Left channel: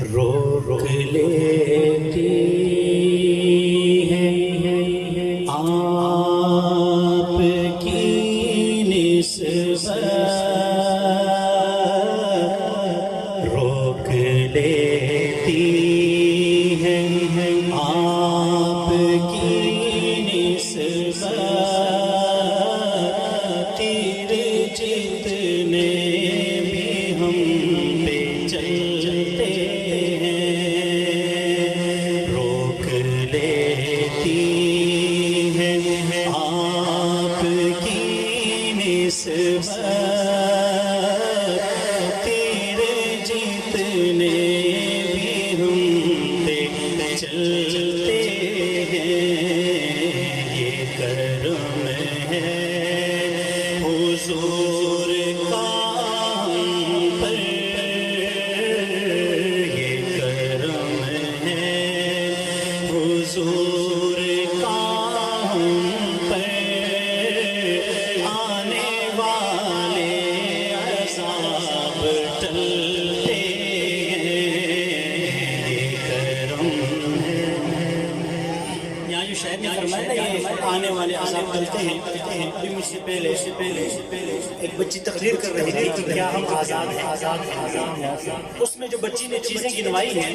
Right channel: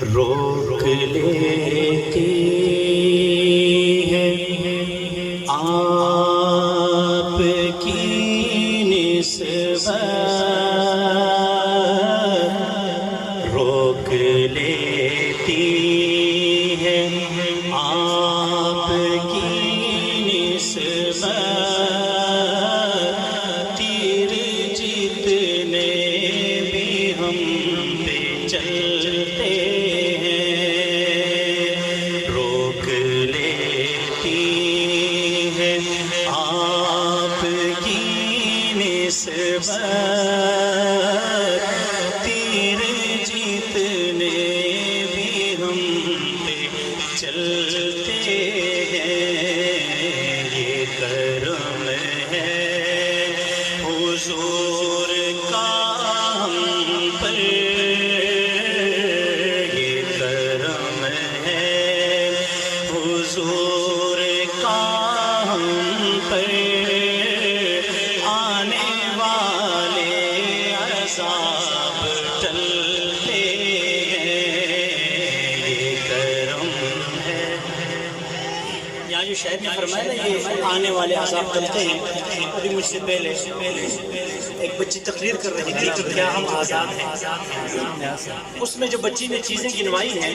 روک لیتی ہے آپ کی نسبت، روک لیتی ہے آپ کی نسبت، تیر جتنے بھی ہم پہ چلتے تیر جتنے بھی ہم پہ چلتے ہیں، یہ کرم ہے حضور کا ہم پر، یہ کرم ہے حضور کا ہم پر، عذاب ٹلتے ہیں، یہ کرم ہے۔ یہاں جو شاعر نے فرمایا نا یہ آنے والے عذاب ٹلتے ہیں، ابھی مجھ سے پہلے ایک بچی تقریر کر رہی تھی کہ کیا ہم آزاد ہیں؟ اس میں جو بچی نے چیزیں گنوائی ہیں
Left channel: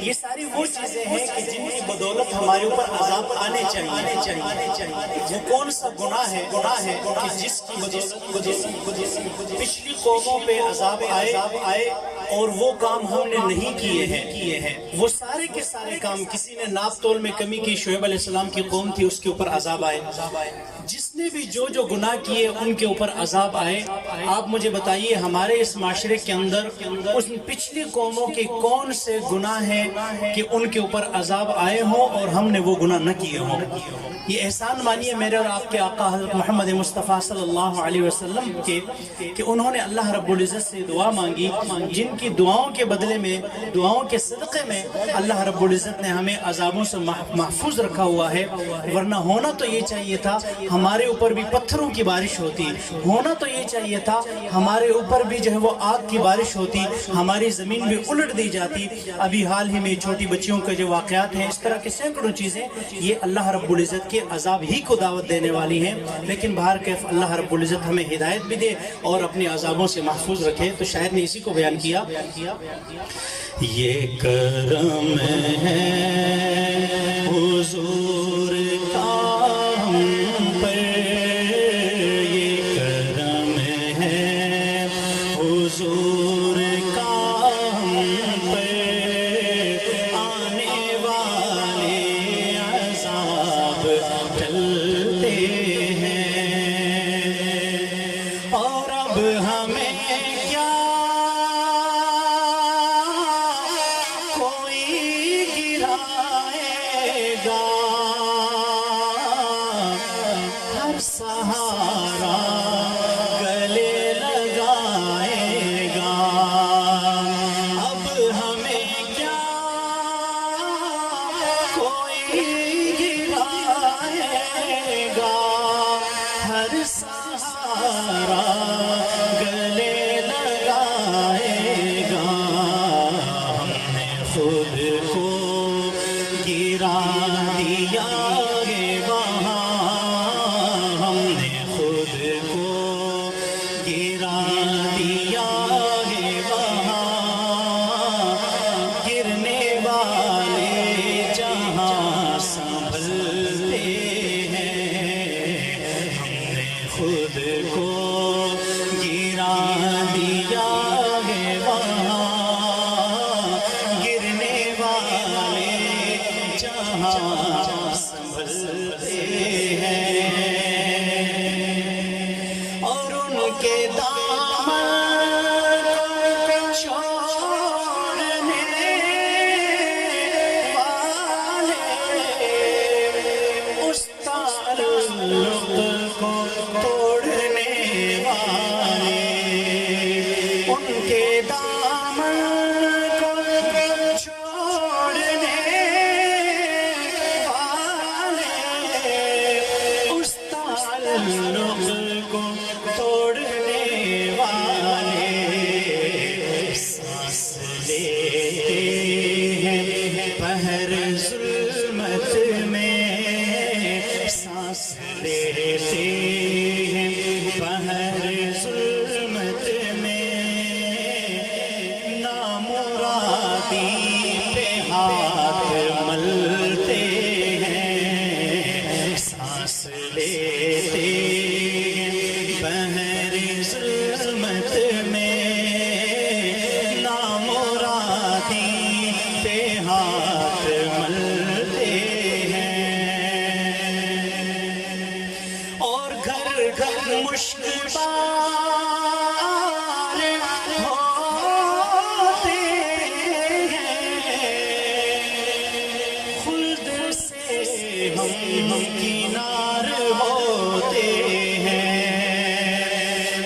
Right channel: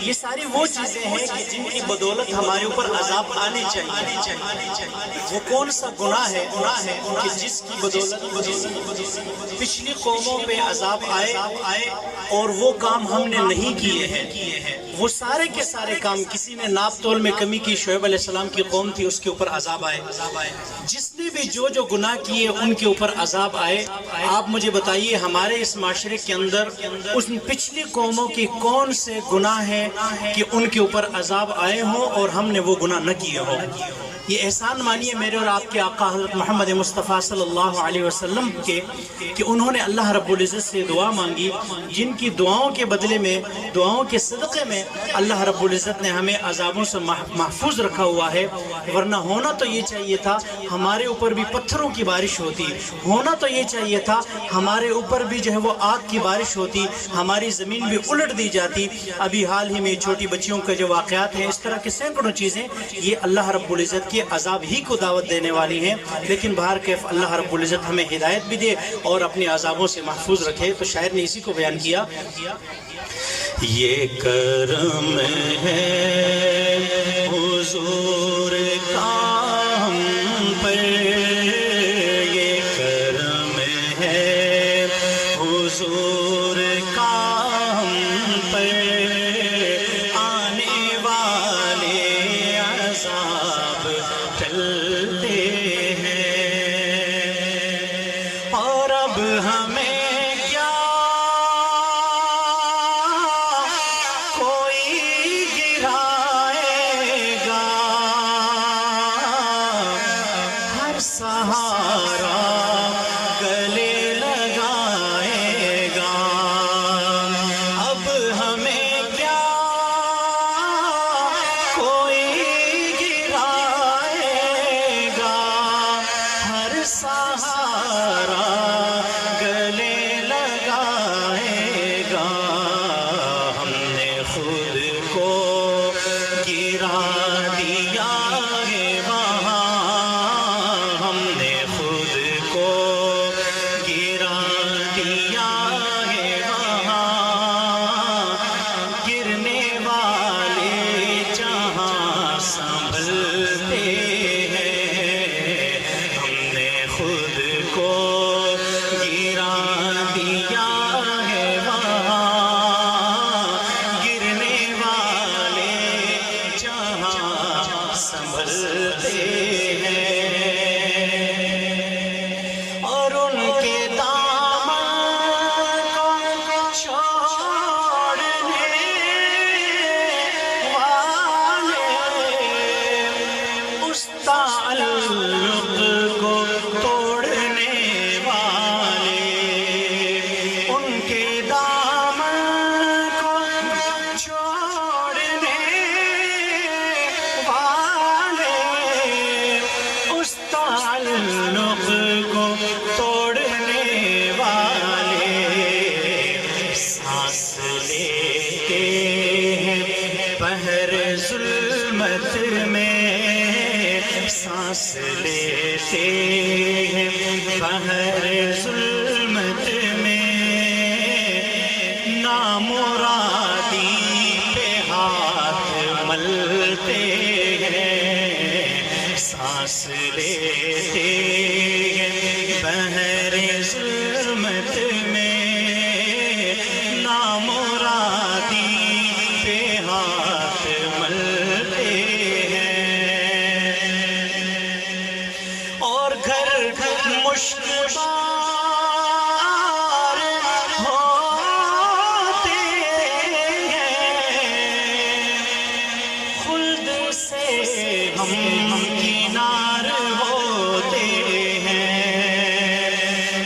یہ ساری وہ چیزیں ہیں کہ جن کی بدولت ہمارے اوپر عذاب آنے چاہیے۔ وہ کون سا گناہ ہے کہ جس کی بدولت پچھلی قوموں پہ عذاب آئے اور وہ کام ہم نے نہیں کیے ہیں؟ وہ سارے کے سارے کام، کسی نے ناپ تول میں کمی کی، شعیب علیہ السلام کی قوم تھی، اس کے اوپر عذاب آئے۔ جس نے بھی جو گناہ کیے ان کے اوپر عذاب آئے۔ آپ مجھے بتائیے ہمارے اس معاشرے کے اندر اس پچھلی قوموں کے کون سے گناہ ہیں کہ ان کے اوپر عذاب آئے ہوں اور ہم نے وہ گناہ نہ کیے ہوں؟ یہ احسان مانیے میرے اور آپ کے آقا حضرت محمد مصطفیٰ صلی اللہ علیہ وسلم کے کہ انہوں نے اللہ رب العزت سے دعا مانگی، جن کی دعاؤں کے بدلے میں، دعاؤں کے صدقے میں اللہ رب العزت نے ہمیں عذابوں سے محفوظ رکھا ہوا ہے۔ ورنہ ہونا تو یہ چاہیے تھا ہمارے اوپر بھی پتھروں کی بارش ہوتی، ہونا تو یہ چاہیے تھا ہمارے اوپر بھی جو ہے وہ آگ کی بارش ہوتی، ہماری زمین بھی الٹ دی جاتی۔ ابھی حال ہی میں چھوٹی بچیوں کے جو واقعات ہیں، اس طرح کے سینکڑوں چیزیں یہ اللہ رب العزت کے عذاب ہی کو دعوت دینے والی ہیں۔ لیکن بہر کیف اللہ رب العزت ہمیں ہدایت بھی دے اور اپنے عذابوں سے محفوظ رکھے۔ تو شاعر نے اسی کو بیان کیا، یہ کرم ہے حضور کا ہم پر، یہ کرم ہے حضور کا ہم پر، آنے والے عذاب ٹلتے ہیں۔ اور اب ہمیں کیا کوئی گرائے نامرادی پہ ہاتھ ملتے ہیں، سانس لیتے ہیں بحر ظلمت میں، نامرادی پہ ہاتھ ملتے ہیں، اور گھر گھر مشکل ہم کنار ہوتے ہیں،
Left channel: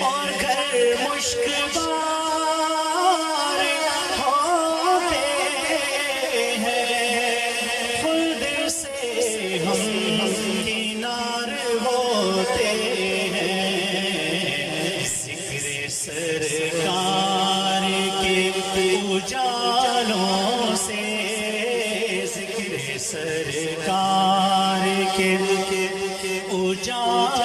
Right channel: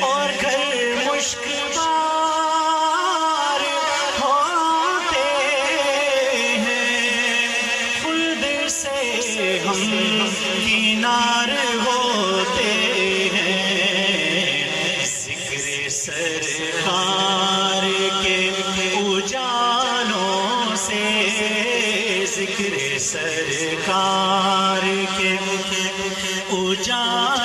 اور گھر مشکبار ہوتے ہیں، خلد سے ہم کنار ہوتے ہیں، ذکر سرکار کے اجالوں سے، ذکر سرکار کے اجالوں